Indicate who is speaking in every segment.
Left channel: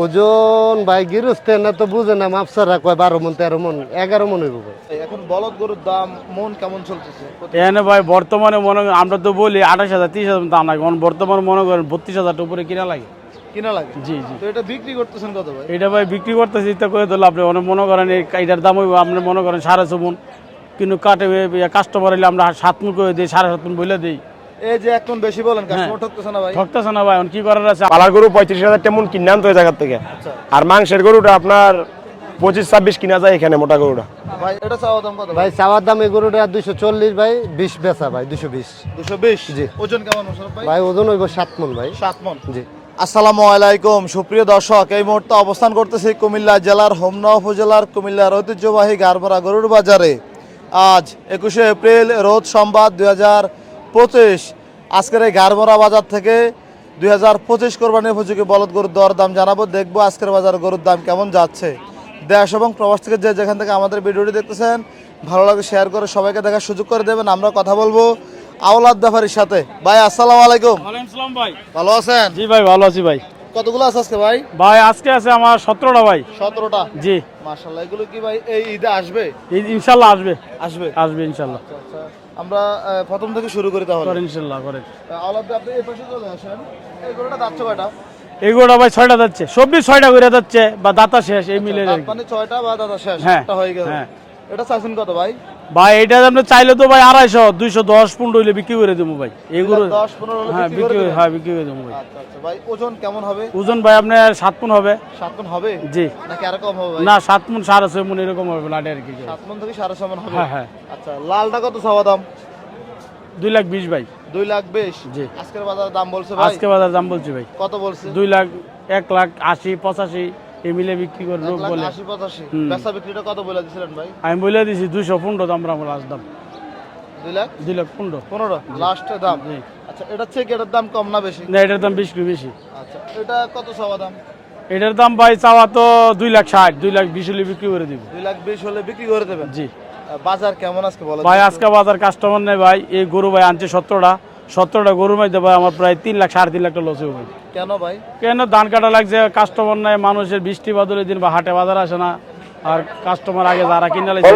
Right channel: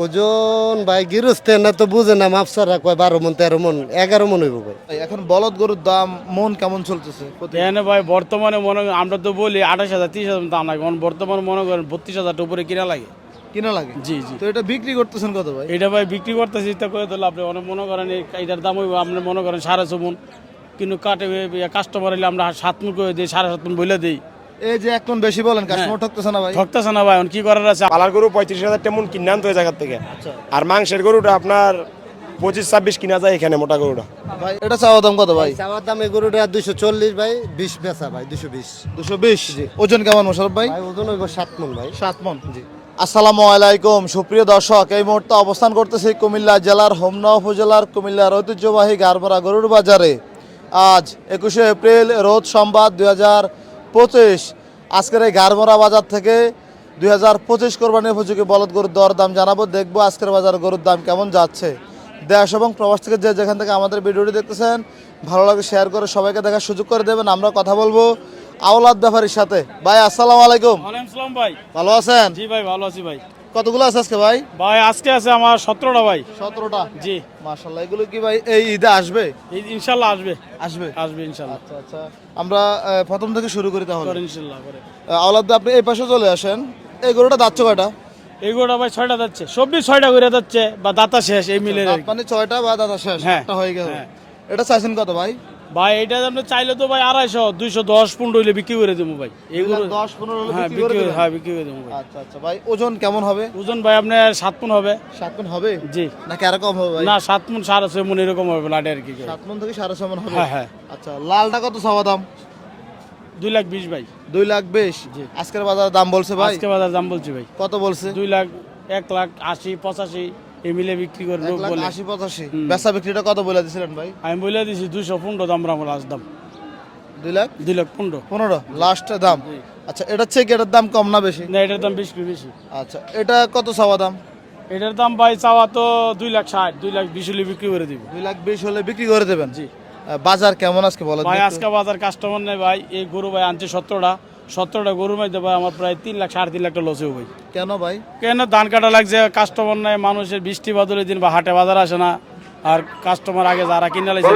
Speaker 1: ওজন ভাই গিরস্তে না তো বুঝে না মাপসারা কয় বারো মন তেরো মন এগারো মন হইব
Speaker 2: এখন বলদ গরুর দাম মন কেমন চলতেছে?
Speaker 3: এখানে ভাই বর্তমানে মনে করেন আমরা তো বলি আঠাশ হাজার তিরিশ হাজার দাম লাগে। এখন বর্তমানে মনে করেন বত্রিশ হাজার উপরে কিনা লাগে।
Speaker 2: কিনা লাগে?
Speaker 3: জি জি।
Speaker 2: তো এটা বিক্রি করতেছেন কত ভাই?
Speaker 3: এটা ভাই বিক্রি করতেছি তা করে দিলে আপনি অনেক মনে করেন এই এটার দাম হইব আপনি মনে করেন সাড়ে ছ মন। কিন্তু কাটে কাস্টমার হলে আমরা সাত মন করে দিই সাড়ে সাত মন বলে দিই।
Speaker 2: এই যে এখন বেশি বলেন ঠকতেছে না ভাই?
Speaker 3: ঠকতেছে না ভাই কি করার আছে?
Speaker 4: পালার গরু পঁয়ত্রিশ হাজার তেমন জায়গার থেকে। আর মাংসের গরুটা আপনার পঁচিশ ছাব্বিশ কিনা যায় এখানে মোটা গরুটা।
Speaker 2: ভাই এটা চাওয়া দাম কত ভাই?
Speaker 1: ভাই চাওয়ার দাম এই গরুটা দুশো চল্লিশ ভাই বিশ বেচা ভাই দুশো বিশ।
Speaker 2: দুশো বিশ? ওজন কেমন মোশারফ ভাই?
Speaker 1: ভাই ওজন হইব সাত মন ভাই।
Speaker 2: সাত মন।
Speaker 1: জি।
Speaker 2: আসসালামু আলাইকুম সুপ্রিয় দর্শক এই মুহূর্তে অবস্থান করতেছি কুমিল্লা জেলার হোমনা উপজেলার কুমিল্লার ঐতিহ্যবাহী গারমরা গরুর বাজারে। আজ একুশে এপ্রিল রোজ সোমবার দুই হাজার পঁচিশ। আজকের এই গারমরা বাজার থেকে দুই হাজার পঁচিশ কোরবানি উপযোগী বলদ গরুর দর দাম জানাব দেখব আজকের বাজার গরুর দাম কেমন যাচ্ছে। দেশ এবং প্রবাস থেকে যে যেখান থেকে আমাদের ভিডিওটি দেখতেছেন ভালো লাগে শেয়ার করে সবাইকে দেখার সুযোগ করে দেবেন আমরা কথা বলব আওলাদ ব্যাপারীর সাথে। ভাই আসসালামু আলাইকুম।
Speaker 3: ভাই।
Speaker 2: ভালো আছেন?
Speaker 3: জি ভাই ভালো আছি ভাই।
Speaker 2: কতগুলো আছে আজকে ভাই?
Speaker 3: ভাই আজকে আছে আমার সতেরোটা ভাই।
Speaker 2: সতেরোটা?
Speaker 3: জি।
Speaker 2: এগুলো কি ভাই এই ঈদে আসবে?
Speaker 3: ইনশাল্লাহ আসবে।
Speaker 2: আসবে?
Speaker 3: আসবে ইনশাল্লাহ
Speaker 2: আমরা প্রথম থেকে শুরু করি তাহলে।
Speaker 3: ইনশাল্লাহ করে।
Speaker 2: আওলাদ আপনি এই পাশে চলে আসেন। এই গরুটা দাচ্ছে কয়টা?
Speaker 3: এই গরুটা ভাই ছয়টা যাচ্ছে সবই ছয়টা করে যাচ্ছে বা দাতা শেষ এই মিলে
Speaker 2: মানে ছয়টা বা দাতা শেষ
Speaker 3: হ্যাঁ,
Speaker 2: একটা হয়ে গেল।
Speaker 3: হ্যাঁ।
Speaker 2: এটা চাইছেন কত ভাই?
Speaker 3: ভাই এটা আপনি চাইলে তো ভাই আড়াইশো দুইশো দশ পনেরো হইলে বিক্রি করে দেবো ভাই। এগুলো হ্যাঁ
Speaker 2: বিক্রি?
Speaker 3: হ্যাঁ বিক্রি করে দেবো ভাই।
Speaker 2: আচ্ছা আচ্ছা ভাই ওজন কেমন হবে?
Speaker 3: ওজন ভাই আপনার সাত পুন হবে।
Speaker 2: সাত মন হবে?
Speaker 3: জি।
Speaker 2: নাকি আর হবে
Speaker 3: না সাত পুন সাড়ে ছয় মন এরকম হবে লাটে আর কি।
Speaker 2: সাত মন থেকে সাড়ে ছয় মন হবে?
Speaker 3: হ্যাঁ হ্যাঁ।
Speaker 2: আচ্ছা লালটা কত সবা দাম?
Speaker 3: দুই লাখ বিশ ভাই।
Speaker 2: দুই লাখ বিশ?
Speaker 3: জি।
Speaker 2: আজকের বাজার দাম বলছে
Speaker 3: আজকে বাজার দাম বলছি ভাই।
Speaker 2: কত বলছে?
Speaker 3: দুই লাখ এক লাখ আশি পঁচাশি। এই মিলে বিক্রি
Speaker 2: এক লাখ
Speaker 3: বলে।
Speaker 2: আশি পঁচাশি। বেচা বিক্রিটা কত বলে দিছিলেন ভাই?
Speaker 3: আমি বলে দিছি দুইশো পনেরো দাম আমার লাস্ট দাম।
Speaker 2: দুই লাখ?
Speaker 3: দুই লাখ পনেরো।
Speaker 2: পনেরো? লাস্ট দাম? আচ্ছা এটার চেয়ে কি এটার দাম কম না বেশি?
Speaker 3: না এটার দাম বেশি বেশি।
Speaker 2: আচ্ছা এটা কত চাওয়া দাম?
Speaker 3: এটার দাম ভাই চাওয়া তো দুই লাখ ষাট দুই লাখ বিশ হলে বিক্রি করে দিব।
Speaker 2: দুই লাখ বিশ হলে বিক্রি করে দেবেন?
Speaker 3: জি।
Speaker 2: বাজার কেমন আজকে বলেন?
Speaker 3: ভাই আজকে বাজার কাস্টমার নেই ভাই এই গরু ভাই আনছে সতেরোটা। সতেরোটা গরুর মধ্যে ভাই আমার প্রায় তিন লাখ সাড়ে তিন লাখ টাকা লস হবে।
Speaker 2: কেন ভাই?
Speaker 3: কেন ধান কাটা লাগছে কাস্টমার নাই মানুষের বৃষ্টি বাদলের দিন বা হাটে বাজার আসে না আর কাস্টমার আগে যারা কিনে লাগছে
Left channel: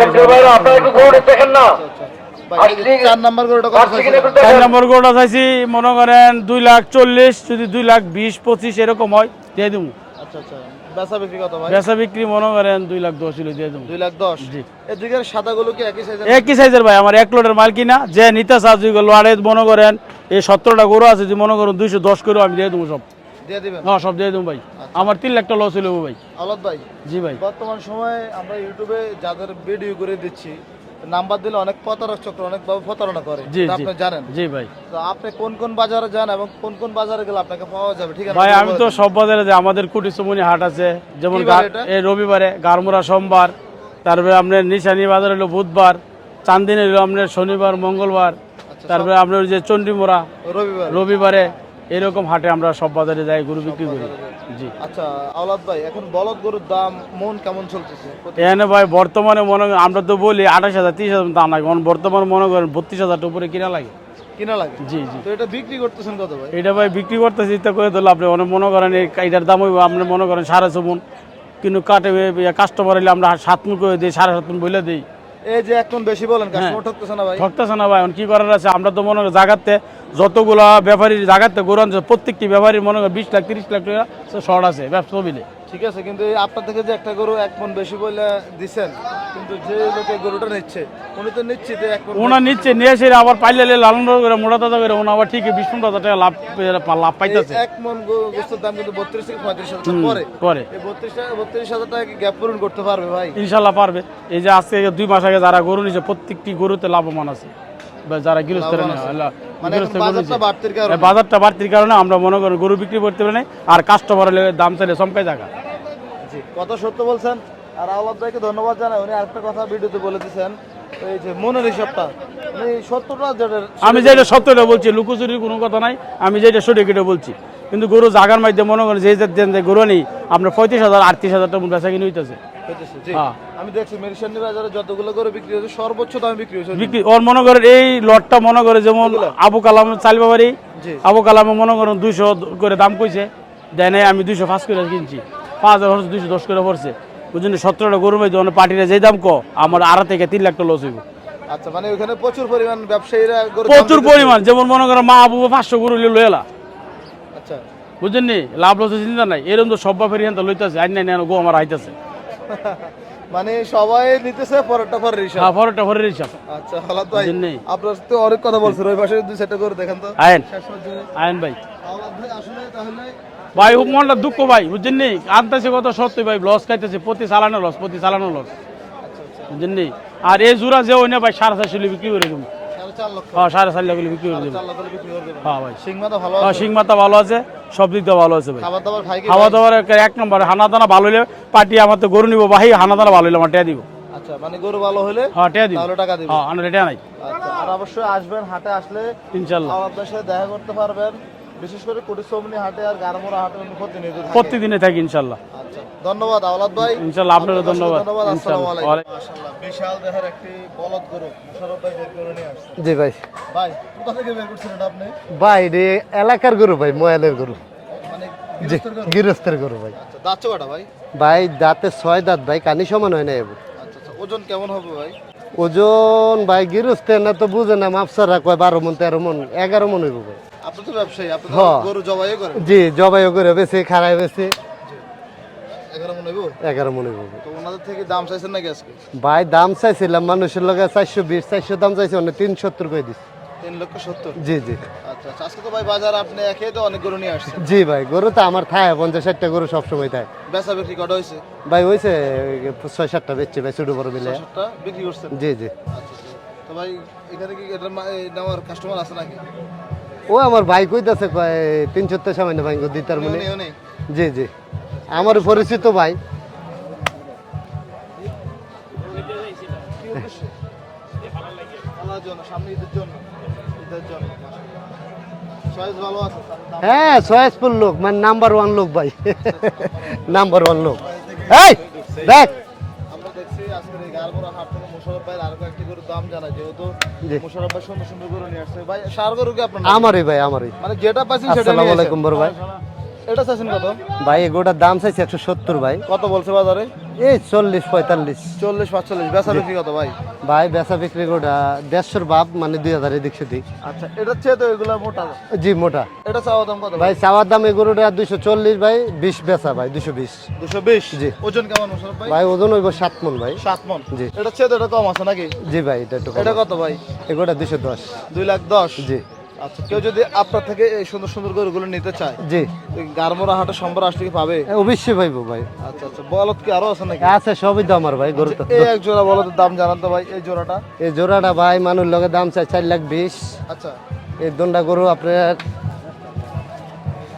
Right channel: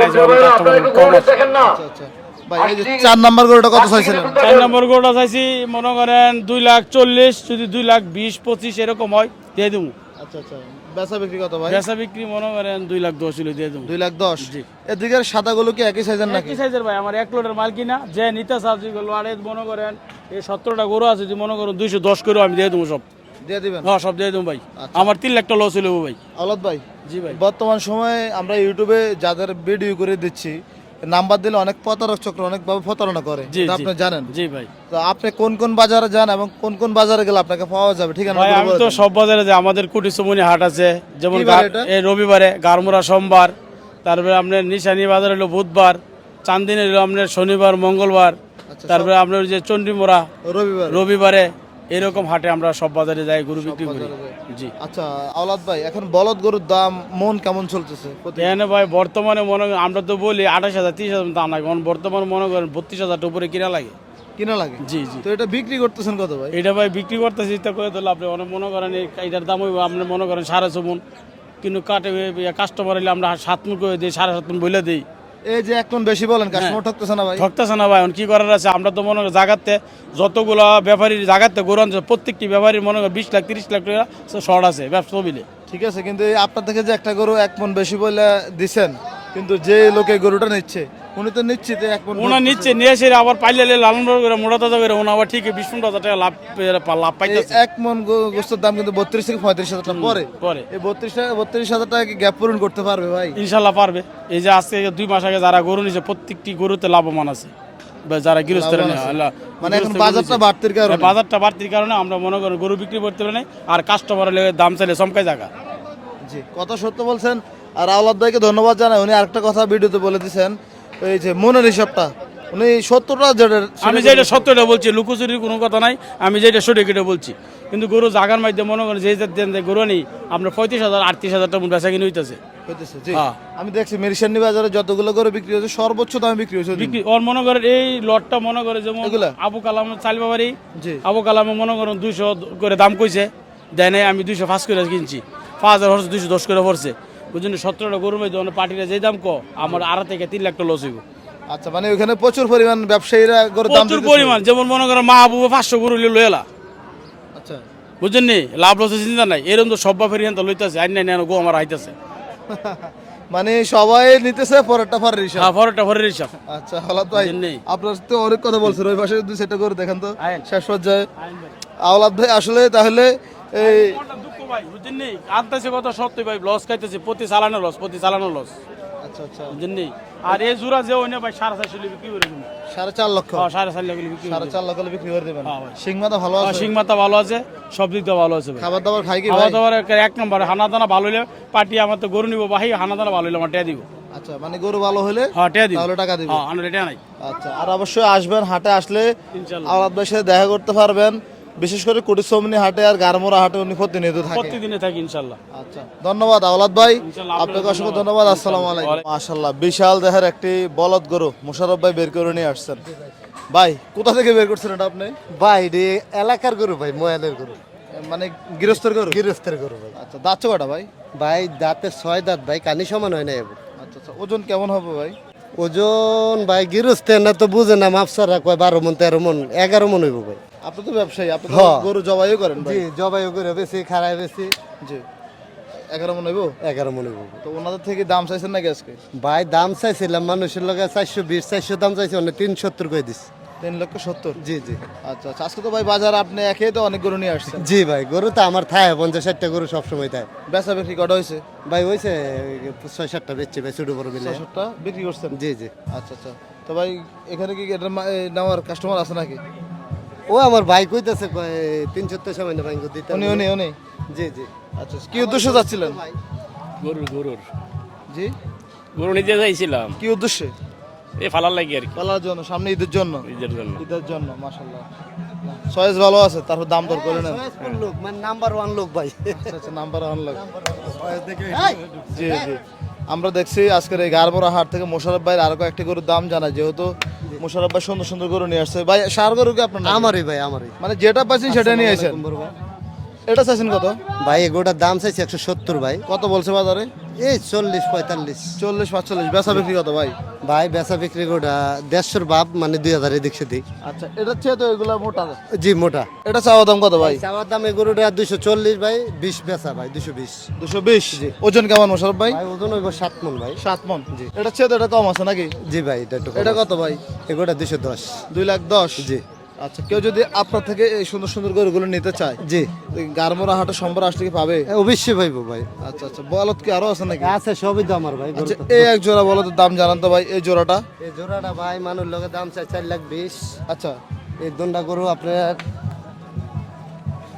Speaker 2: আচ্ছা ভাই এই যে চার নাম্বার গরুটা কত চাইছিলেন
Speaker 3: চার নম্বর গরুটা চাইছি মনে করেন দুই লাখ চল্লিশ যদি দুই লাখ বিশ পঁচিশ এরকম হয় দিয়ে দেবো
Speaker 2: আচ্ছা আচ্ছা। বেচা বিক্রি কত ভাই?
Speaker 3: বেচা বিক্রি মনে করেন দুই লাখ দশ হলে দেবো।
Speaker 2: দুই লাখ দশ?
Speaker 3: জি।
Speaker 2: এদিকে সাদাগুলো কি একই সাইজের
Speaker 3: একই সাইজের ভাই আমার এক লোডের মাল কিনা যে নিতে চাচ্ছি লোয়ারে মনে করেন এই সতেরোটা গরু আছে যদি মনে করেন দুইশো দশ করে আমি দিয়ে দেবো সব। হ্যাঁ সব দিয়ে দেবো ভাই। আমার তিন লাখ টাকা লস হলো ভাই।
Speaker 2: আলাদ ভাই
Speaker 3: জি ভাই।
Speaker 2: বর্তমান সময়ে আমরা ইউটিউবে যাদের ভিডিও করে দিচ্ছি নাম্বার দিলে অনেক প্রতারক চক্র অনেকভাবে প্রতারণা করে। আপনি জানেন।
Speaker 3: জি ভাই।
Speaker 2: তো আপনি কোন কোন বাজারে যান এবং কোন কোন বাজারে গেলে আপনাকে পাওয়া যাবে? ঠিক আছে
Speaker 3: ভাই আমি তো সব বাজারে যে আমাদের কুটি সুমনি হাট আছে যেমন রবিবারে গারমুরা সোমবার তারপরে আপনার নিশানি বাজার হলো বুধবার চান্দিনী হলো আপনার শনিবার মঙ্গলবার তারপরে আপনার যে চণ্ডীমোড়া
Speaker 2: রবিবার।
Speaker 3: রবিবারে এরকম হাটে আমরা সব বাজারে যাই গরু বিক্রি করি। জি।
Speaker 2: আচ্ছা আওলাদ ভাই এখন বলদ গরুর দাম মন কেমন চলতেছে?
Speaker 3: এখানে ভাই বর্তমানে মনে আমরা তো বলি আঠাশ হাজার তিরিশ হাজার দাম লাগে। এখন বর্তমানে মনে করেন বত্রিশ হাজার উপরে কিনা লাগে।
Speaker 2: কিনা লাগে?
Speaker 3: জি জি।
Speaker 2: তো এটা বিক্রি করতেছেন কত ভাই?
Speaker 3: এটা ভাই বিক্রি করে দিলে আপনি অনেক মনে করেন এটার দাম হইব আপনি মনে করেন সাড়ে কিন্তু কাটে কাস্টমার হলে আমরা সাত মন করে দিই সাড়ে সাত মন বলে দিই।
Speaker 2: এই যে এখন বেশি বলেন ঠকতেছে না ভাই?
Speaker 3: ঠকতেছে না ভাই কি করার আছে? আমরা তো মনে জাগাতে যতগুলো ব্যাপারীর জাগাতে গরু আনছে প্রত্যেকটি ব্যাপারীর মনে হয় বিশ লাখ তিরিশ লাখ টাকা শর্ট আছে ব্যবসা মিলে
Speaker 2: ঠিক আছে কিন্তু আপনার থেকে যে একটা গরু এক মন বেশি বলে দিছেন কিন্তু যে লোকে গরুটা নিচ্ছে উনি তো মন
Speaker 3: ওনা নিচ্ছে নিয়ে এসে আবার পাইলে লালন করে মোটা তাজা করে ওনা আবার ঠিকই বিশ পনেরো হাজার টাকা লাভ লাভ পাইতেছে।
Speaker 2: এক মন গোস্তের দাম কিন্তু বত্রিশ থেকে পঁয়ত্রিশ হাজার টাকা পরে।
Speaker 3: করে
Speaker 2: এই বত্রিশ টাকা বত্রিশ হাজার টাকা গ্যাপ পূরণ করতে পারবে ভাই?
Speaker 3: ইনশাল্লাহ পারবে। এই যে আজকে দুই মাস আগে যারা গরু নিছে প্রত্যেকটি গরুতে লাভবান আছে। যারা গৃহস্থের।
Speaker 2: মানে বাজারটা বাড়তির কারণে।
Speaker 3: আমরা মনে করি গরু বিক্রি করতে পারি আর কাস্টমার দাম চাইলে চমকাই জায়গা
Speaker 2: জি কত সত্য বলছেন? আর আওলাদ ভাইকে ধন্যবাদ জানাই উনি আরেকটা কথা ভিডিওতে বলে দিয়েছেন ওই যে মনের হিসাবটা। উনি সত্তরটা যেটা
Speaker 3: আমি যেটা সত্যটা বলছি লুকোচুরির কোনো কথা নাই আমি যেটা সঠিক এটা বলছি। কিন্তু গরু জাগার মাধ্যমে মনে করেন যে দেন যে গরু নেই আপনার পঁয়ত্রিশ হাজার আটত্রিশ হাজার টাকা বেচা কিনে হইতেছে। হ্যাঁ।
Speaker 2: আমি দেখছি মেরিসান্নি বাজারে যতগুলো করে বিক্রি হচ্ছে সর্বোচ্চ দামে বিক্রি হচ্ছে।
Speaker 3: বিক্রি ওর মনে করেন এই লটটা মনে করে যেমন আবু কালাম চাল বাবারি। আবু কালামে মনে করেন দুইশো করে দাম কইছে দেয় আমি দুইশো পাঁচ করে কিনছি। পাঁচ হাজার হচ্ছে দুশো দশ করে পড়ছে বুঝছেন সতেরোটা গরু পার্টিরা যে দাম ক আমার আড়া থেকে তিন লাখ টাকা লস হইব।
Speaker 2: আচ্ছা মানে ওখানে প্রচুর পরিমাণ ব্যবসায়ীরা
Speaker 3: প্রচুর পরিমাণ যেমন মনে করেন মা আবু পাঁচশো গরু লয়ে
Speaker 2: আচ্ছা।
Speaker 3: বুঝছেন লাভ লসের চিন্তা নাই। এরকম তো সব বাপের ইয়ান লইতেছে নাই গো আমার আইতেছে।
Speaker 2: মানে সবাই নিতেছে পরেরটা পরের হিসাব।
Speaker 3: হ্যাঁ ফরের হিসাব।
Speaker 2: আচ্ছা হালাত ভাই। আপনার তো অনেক কথা বলছেন ওই পাশে দুই সেটা করে দেখেন তো।
Speaker 3: আয়েন।
Speaker 2: শেষ পর্যায়ে
Speaker 3: ভাই।
Speaker 2: আওলাদ ভাই আসলে তাহলে
Speaker 3: ভাই
Speaker 2: এই-
Speaker 3: ও মনটা দুঃখ ভাই বুঝছেন নি আনতেছে কত? সত্যি ভাই লস খাইতেছে প্রতি চালানো লস প্রতি চালানো লস
Speaker 2: আচ্ছা আচ্ছা।
Speaker 3: বুঝছেন নি আর এই জোড়া যে ওই না ভাই সাড়ে চারশো বিক্রি করে
Speaker 2: সাড়ে চার লক্ষ।
Speaker 3: হ্যাঁ সাড়ে চার লাখ বিক্রি করে
Speaker 2: লক্ষ বিক্রি দেবেন।
Speaker 3: হ্যাঁ ভাই।
Speaker 2: ভালো
Speaker 3: হ্যাঁ
Speaker 2: আছে?
Speaker 3: ভালো আছে সব দিক দিয়ে ভালো আছে ভাই। খাওয়া? দাওয়ার এক- নম্বর হানা দানা ভালো হলে পার্টি আমার তো গরু নিবো ভাই হানা দানা ভালো হলে আমার টেয়া দিব।
Speaker 2: আচ্ছা মানে গরু ভালো হলে
Speaker 3: হ্যাঁ টেয়া দিব।
Speaker 2: টাকা
Speaker 3: হ্যাঁ নাই।
Speaker 2: আচ্ছা আর অবশ্যই আসবেন হাটে আসলে
Speaker 3: ইনশাল্লাহ।
Speaker 2: আওলাদ সাথে দেখা করতে পারবেন। বিশেষ করে কুটিসমিনী হাটে আর গারমোড়া হাটে উনি প্রতিনিয়ত থাকেন।
Speaker 3: প্রত্যেকদিনে থাকি ইনশাল্লাহ।
Speaker 2: আচ্ছা ধন্যবাদ আওলাদ ভাই।
Speaker 3: ইনশাল্লাহ, আপনাকে
Speaker 2: অসংখ্য
Speaker 3: ধন্যবাদ।
Speaker 2: ধন্যবাদ আসসালামু আলাইকুম। মাশাআল্লাহ বিশাল দেহের একটি বলদ গরু মুশারফ ভাই বের করে নিয়ে আসছেন।
Speaker 1: জি ভাই।
Speaker 2: ভাই কোথা থেকে বের করছেন এটা আপনি?
Speaker 1: ভাই রে এলাকার গরু ভাই ময়ালের গরু।
Speaker 2: মানে গৃহস্থের গরু?
Speaker 1: গৃহস্থের গরু ভাই।
Speaker 2: আচ্ছা দাচ্ছে কটা ভাই?
Speaker 1: ভাই দাঁতে ছয় দাঁত ভাই কানি সমান হয় না এবো
Speaker 2: আচ্ছা আচ্ছা ওজন কেমন হবে ভাই?
Speaker 1: ওজন ভাই গৃহস্থের না তো বুঝে না মাপসারা কয় বারো মন তেরো মন এগারো মন হইব ভাই।
Speaker 2: আপনি তো ব্যবসায়ী আপনি
Speaker 1: হ্যাঁ।
Speaker 2: গরু জবাইও করেন
Speaker 1: জি জবাইও করে বেশি খারাই বেশি
Speaker 2: জি। মনে
Speaker 1: মন ভাই।
Speaker 2: তো ওনাদের থেকে দাম চাইছেন নাকি আজকে?
Speaker 1: ভাই দাম চাইছিলাম মানুষের লগে চারশো বিশ চারশো দাম চাইছি অনেক তিন সত্তর করে দিস
Speaker 2: তিন লক্ষ সত্তর?
Speaker 1: জি জি।
Speaker 2: আচ্ছা আচ্ছা। আজকে তো ভাই বাজার আপনি একে তো অনেক গরু নিয়ে আসছেন।
Speaker 1: জি ভাই গরু তো আমার থায় পঞ্চাশ ষাটটা গরু সবসময় থায়।
Speaker 2: বেচা বিক্রি কটা হয়েছে
Speaker 1: ভাই হয়েছে ছয় সাতটা বেচছে ভাই ছোট বড় মিলে।
Speaker 2: বিক্রি করছেন?
Speaker 1: জি জি।
Speaker 2: আচ্ছা আচ্ছা। তো ভাই এখানে কি নেওয়ার কাস্টমার আছে নাকি?
Speaker 1: ও আমার ভাই কইতাছে কয় তিন সত্তর সামান্য ভাই
Speaker 2: উনি
Speaker 1: জি জি।
Speaker 2: আচ্ছা কি
Speaker 1: আমার পরিচিত? ভাই।
Speaker 5: গরুর গরুর।
Speaker 2: জি?
Speaker 5: গরু নিতে চাইছিলাম
Speaker 2: কি উদ্দেশ্যে?
Speaker 5: এই ফালার লাগি আর কি।
Speaker 2: পালার জন্য সামনে ঈদের জন্য?
Speaker 5: ঈদের জন্য।
Speaker 2: ঈদের জন্য মাশাআল্লাহ। চয়েস ভালো আছে তারপর দাম
Speaker 1: হ্যাঁ সয়েসফুল লোক মানে নাম্বার ওয়ান লোক ভাই।
Speaker 2: নাম্বার
Speaker 1: নাম্বার ওয়ান লোক এই দেখ
Speaker 2: আমরা দেখছি আজকের এই গারবরা হাট থেকে মোশারফ ভাইয়ের আরও কয়েকটি গরুর দাম জানা যেহেতু মোশারফ ভাই সুন্দর সুন্দর গরু নিয়ে আসছে। ভাই সার গরু কি আপনার
Speaker 1: আমারই ভাই আমারই।
Speaker 2: মানে যেটা পাচ্ছেন সেটা নিয়ে আসেন।
Speaker 1: আলাইকুম বড় ভাই।
Speaker 2: এটা চাইছেন কত?
Speaker 1: ভাই এগোটার দাম চাইছে একশো সত্তর ভাই।
Speaker 2: কত বলছে বাজারে?
Speaker 1: এই চল্লিশ পঁয়তাল্লিশ।
Speaker 2: চল্লিশ পাঁচচল্লিশ। বেচা বিক্রি কত ভাই?
Speaker 1: ভাই বেচা বিক্রি গোটা দেড়শোর বাপ মানে দুই হাজার এদিক সেদিক।
Speaker 2: আচ্ছা এটা চেয়ে তো এগুলো মোটা
Speaker 1: জি মোটা।
Speaker 2: এটা চাওয়া দাম কত
Speaker 1: ভাই? চাওয়ার দাম এই গরুটা দুশো চল্লিশ ভাই বিশ বেচা ভাই দুশো বিশ।
Speaker 2: দুশো বিশ?
Speaker 1: জি।
Speaker 2: ওজন কেমন মোশারফ ভাই?
Speaker 1: ভাই ওজন হইব সাত মন ভাই।
Speaker 2: সাত মন?
Speaker 1: জি।
Speaker 2: এটা চেয়ে তো এটা কম আছে নাকি?
Speaker 1: জি ভাই এটা
Speaker 2: এটা কত ভাই?
Speaker 1: এগোটা দুশো দশ।
Speaker 2: দুই লাখ দশ?
Speaker 1: জি।
Speaker 2: আচ্ছা কেউ যদি আপনার থেকে এই সুন্দর সুন্দর গরুগুলো নিতে চায়
Speaker 1: জি।
Speaker 2: গারমোরা হাটে সোমবার আসলে কি পাবে?
Speaker 1: অবশ্যই পাইবো ভাই।
Speaker 2: আচ্ছা আচ্ছা বলদ কি আরও আছে নাকি?
Speaker 1: আছে সবই তো আমার ভাই গরু
Speaker 2: এই এক জোড়া বলদের দাম জানান তো ভাই এই জোড়াটা।
Speaker 1: এই জোড়াটা ভাই মানুষ লগে দাম চাই চার লাখ বিশ।
Speaker 2: আচ্ছা।
Speaker 1: এই দন্ডা গরু আপনার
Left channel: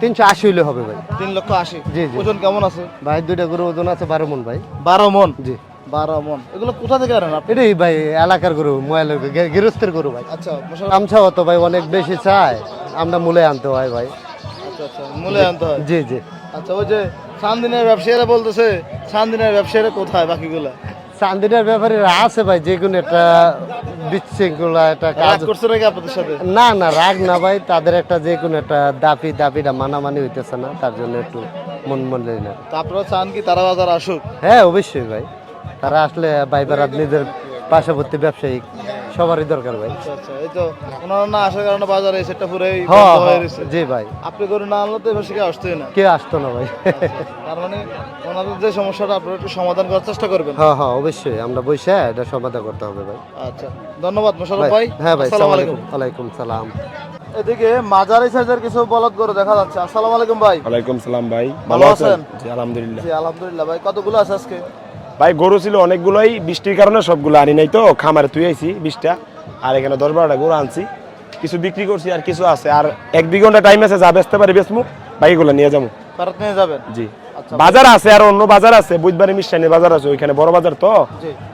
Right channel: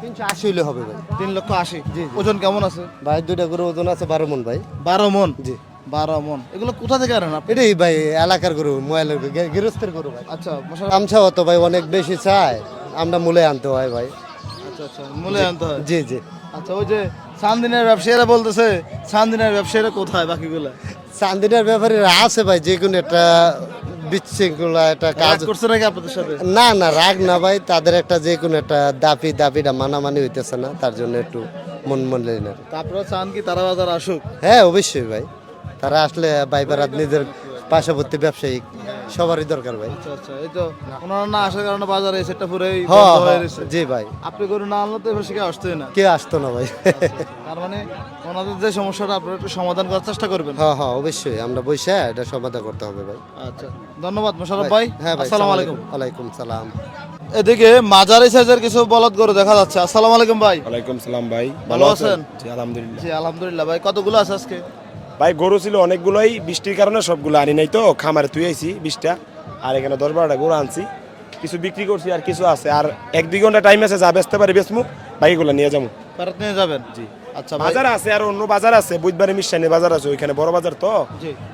Speaker 1: তিনশো আশি হইলে হবে ভাই।
Speaker 2: তিন লক্ষ আশি।
Speaker 1: জি, জি।
Speaker 2: ওজন কেমন আছে?
Speaker 1: ভাই দুইটা গরু ওজন আছে বারো মন ভাই।
Speaker 2: বারো মন?
Speaker 1: জি।
Speaker 2: বারো মন। এগুলো কোথা থেকে আনেন
Speaker 1: এটাই ভাই এলাকার গরু মোবাইলের গৃহস্থের গরু ভাই।
Speaker 2: আচ্ছা মোশাররফ,
Speaker 1: তো ভাই অনেক বেশি চায়। আমরা মূলে আনতে হয় ভাই।
Speaker 2: আচ্ছা আচ্ছা মূলে আনতে হয়।
Speaker 1: জি জি।
Speaker 2: আচ্ছা ওই যে সানদিনের ব্যবসায়ীরা বলতেছে ব্যবসায়ীরা কোথায় বাকিগুলো?
Speaker 1: চান্দিনার ব্যাপারে আছে ভাই যে কোনো একটা বিশৃঙ্খলা একটা কাজ
Speaker 2: করছে নাকি আপনাদের সাথে?
Speaker 1: না না রাগ না ভাই তাদের একটা যে কোনো একটা দাপি দাপিটা মানামানি হইতেছে না তার জন্য একটু মন মন লেগে না
Speaker 2: তা আপনারা চান কি তারা বাজার আসুক?
Speaker 1: হ্যাঁ অবশ্যই ভাই। তারা আসলে ভাই বেড়াত নিজের পার্শ্ববর্তী ব্যবসায়িক সবারই দরকার ভাই।
Speaker 2: আচ্ছা আচ্ছা এই তো ওনারা না আসার কারণে বাজারে এই সেটটা পুরোই বন্ধ গেছে।
Speaker 1: জি ভাই।
Speaker 2: আপনি গরু না আনলে তো এবার সেখানে না।
Speaker 1: কে আসতো না ভাই।
Speaker 2: তার মানে ওনাদের যে সমস্যাটা আপনারা একটু সমাধান করার চেষ্টা করবেন।
Speaker 1: হ্যাঁ হ্যাঁ অবশ্যই আমরা বসে এটা সমাধান করতে হবে ভাই।
Speaker 2: আচ্ছা ধন্যবাদ মোশারফ ভাই
Speaker 1: হ্যাঁ ভাই
Speaker 2: আসসালামু
Speaker 1: সালাম
Speaker 2: আলাইকুম।
Speaker 1: আলাইকুম সালাম।
Speaker 2: এদিকে মাঝারি সাইজের কিছু বলদ গরু দেখা যাচ্ছে। আসসালামু আলাইকুম ভাই।
Speaker 4: ওয়ালাইকুম সালাম ভাই
Speaker 2: ভালো আছেন?
Speaker 4: জি আলহামদুলিল্লাহ।
Speaker 2: জি আলহামদুলিল্লাহ ভাই কতগুলো আছে আজকে?
Speaker 4: ভাই গরু ছিল অনেকগুলোই বৃষ্টির কারণে সবগুলো আনি নাই তো খামারে তুই আইছি বিশটা আর এখানে দশ বারোটা গরু আনছি। কিছু বিক্রি করছি আর কিছু আছে। আর এক দুই ঘণ্টা টাইম আছে যা বেচতে পারি বেচমু বাকিগুলো নিয়ে যাব
Speaker 2: ভারত নিয়ে যাবেন?
Speaker 4: জি।
Speaker 2: আচ্ছা
Speaker 4: বাজার আছে আর অন্য বাজার আছে বুধবারে মিশানি বাজার আছে ওইখানে বড় বাজার তো।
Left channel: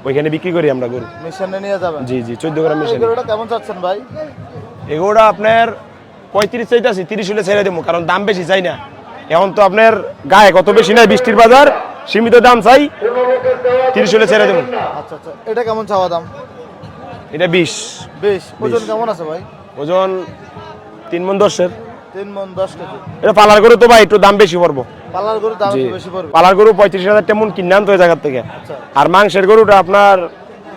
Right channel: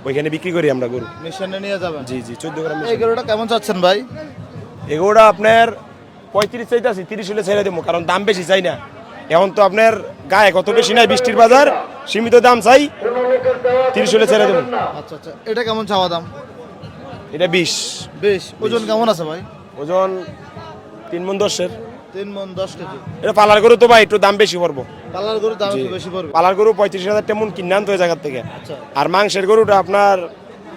Speaker 4: ওইখানে বিক্রি করি আমরা গরু।
Speaker 2: মিশনে নিয়ে যাবেন?
Speaker 4: জি জি চোদ্দ গ্রাম
Speaker 2: কেমন চাচ্ছেন ভাই?
Speaker 4: এগুলোটা আপনার পঁয়ত্রিশ চাইতেছি তিরিশ হলে ছেড়ে দেবো কারণ দাম বেশি চাই না। এখন তো আপনার গায়ে কত বেশি নাই বৃষ্টির বাজার সীমিত দাম চাই তিরিশ হলে ছেড়ে দেবো।
Speaker 2: আচ্ছা আচ্ছা। এটা কেমন চাওয়া দাম?
Speaker 4: এটা বিশ।
Speaker 2: বেশ। ওজন কেমন আছে ভাই?
Speaker 4: ওজন তিন মন দশের।
Speaker 2: তিন মন দশ কেজি।
Speaker 4: এটা পালার করে তো ভাই একটু দাম বেশি পড়ব।
Speaker 2: পালার গরু দাম বেশি পড়বে।
Speaker 4: পালার গরু পঁয়ত্রিশ হাজার তেমন কিনে আনতে হয় জায়গার থেকে। আর মাংসের গরুটা আপনার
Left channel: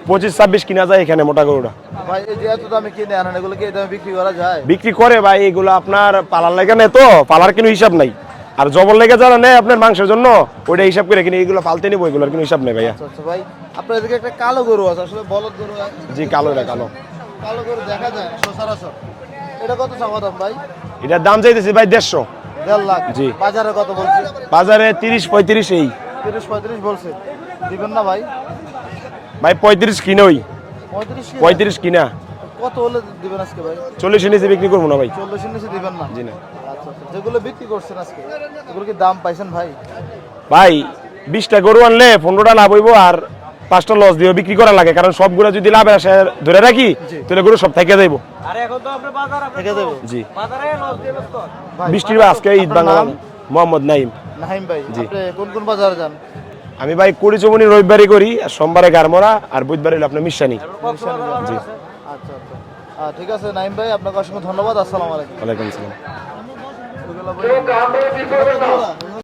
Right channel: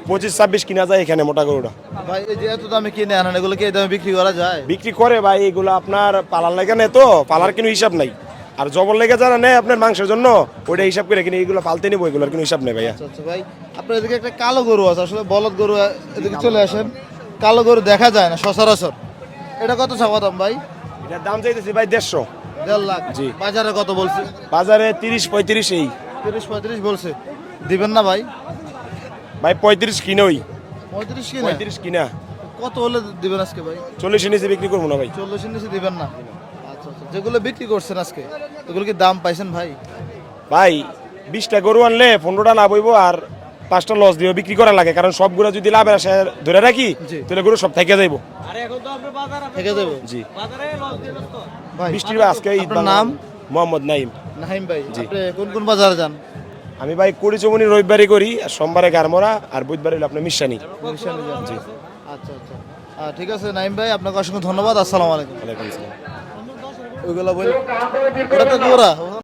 Speaker 4: পঁচিশ ছাব্বিশ কিনা যায় এখানে মোটা গরুটা।
Speaker 2: ভাই এই যে এত দামে কিনে আনেন এগুলো কি দামে বিক্রি করা যায়?
Speaker 4: বিক্রি করে ভাই এগুলো আপনার পালার লেগে তো পালার কোনো হিসাব নাই। আর জবর লেগে যারা নেয় আপনার মাংসের জন্য ওইটা হিসাব করে কিনে এগুলো পালতে নিবো এগুলোর কোনো হিসাব নেই ভাইয়া।
Speaker 2: আচ্ছা আচ্ছা ভাই আপনার এদিকে একটা কালো গরু আছে আসলে বলদ গরু
Speaker 4: জি, কালো,
Speaker 2: কালো। গরু দেখা যায় না সচরাচর। এটা কত চাওয়া দাম ভাই?
Speaker 4: এটার দাম চাইতেছি ভাই দেড়শো।
Speaker 2: দেড় লাখ।
Speaker 4: জি।
Speaker 2: বাজারে কত বলছে?
Speaker 4: বাজারে তিরিশ পঁয়ত্রিশ এই।
Speaker 2: তিরিশ পঁয়ত্রিশ বলছে। দিবেন না ভাই?
Speaker 4: ভাই পঁয়ত্রিশ কিনোই।
Speaker 2: পঁয়ত্রিশ
Speaker 4: পঁয়ত্রিশ কিনা।
Speaker 2: কত হলে দিবেন আজকে ভাই?
Speaker 4: চল্লিশ নিচে বিক্রি করব না ভাই।
Speaker 2: চল্লিশের নিচে দিবেন না?
Speaker 4: জি না।
Speaker 2: যেগুলো বিক্রি করছেন আজকে এগুলো কি দাম পাইছেন ভাই?
Speaker 4: ভাই বিশটা গরু আনলে পনেরোটা লাভ হইব আর পাঁচটা লস দিয়ে বিক্রি করা লাগে কারণ সবগুলো যদি লাভে আসে ধরে রাখি তাহলে গরু সব থেকে যাইব
Speaker 2: থেকে
Speaker 4: জি।
Speaker 2: ভাই
Speaker 4: বৃষ্টির আজকে ঈদ বাংলা মোহাম্মদ নাইম।
Speaker 2: নাহিম ভাই
Speaker 4: জি।
Speaker 2: কোন কোন বাজারে যান?
Speaker 4: আমি ভাই কুড়ি চমনি রবিবারই করি আর সোমবারে গারমরা আর বুধবারে হলো আপনার মিশনে। জি।
Speaker 2: আচ্ছা আচ্ছা। ঠিক আছে নাইম ভাই আপনাকে অসংখ্য ধন্যবাদ আসসালামু আলাইকুম।
Speaker 4: ওয়ালাইকুম আসসালাম।
Speaker 2: ওইগুলো বলি ওটা তো দৌড়া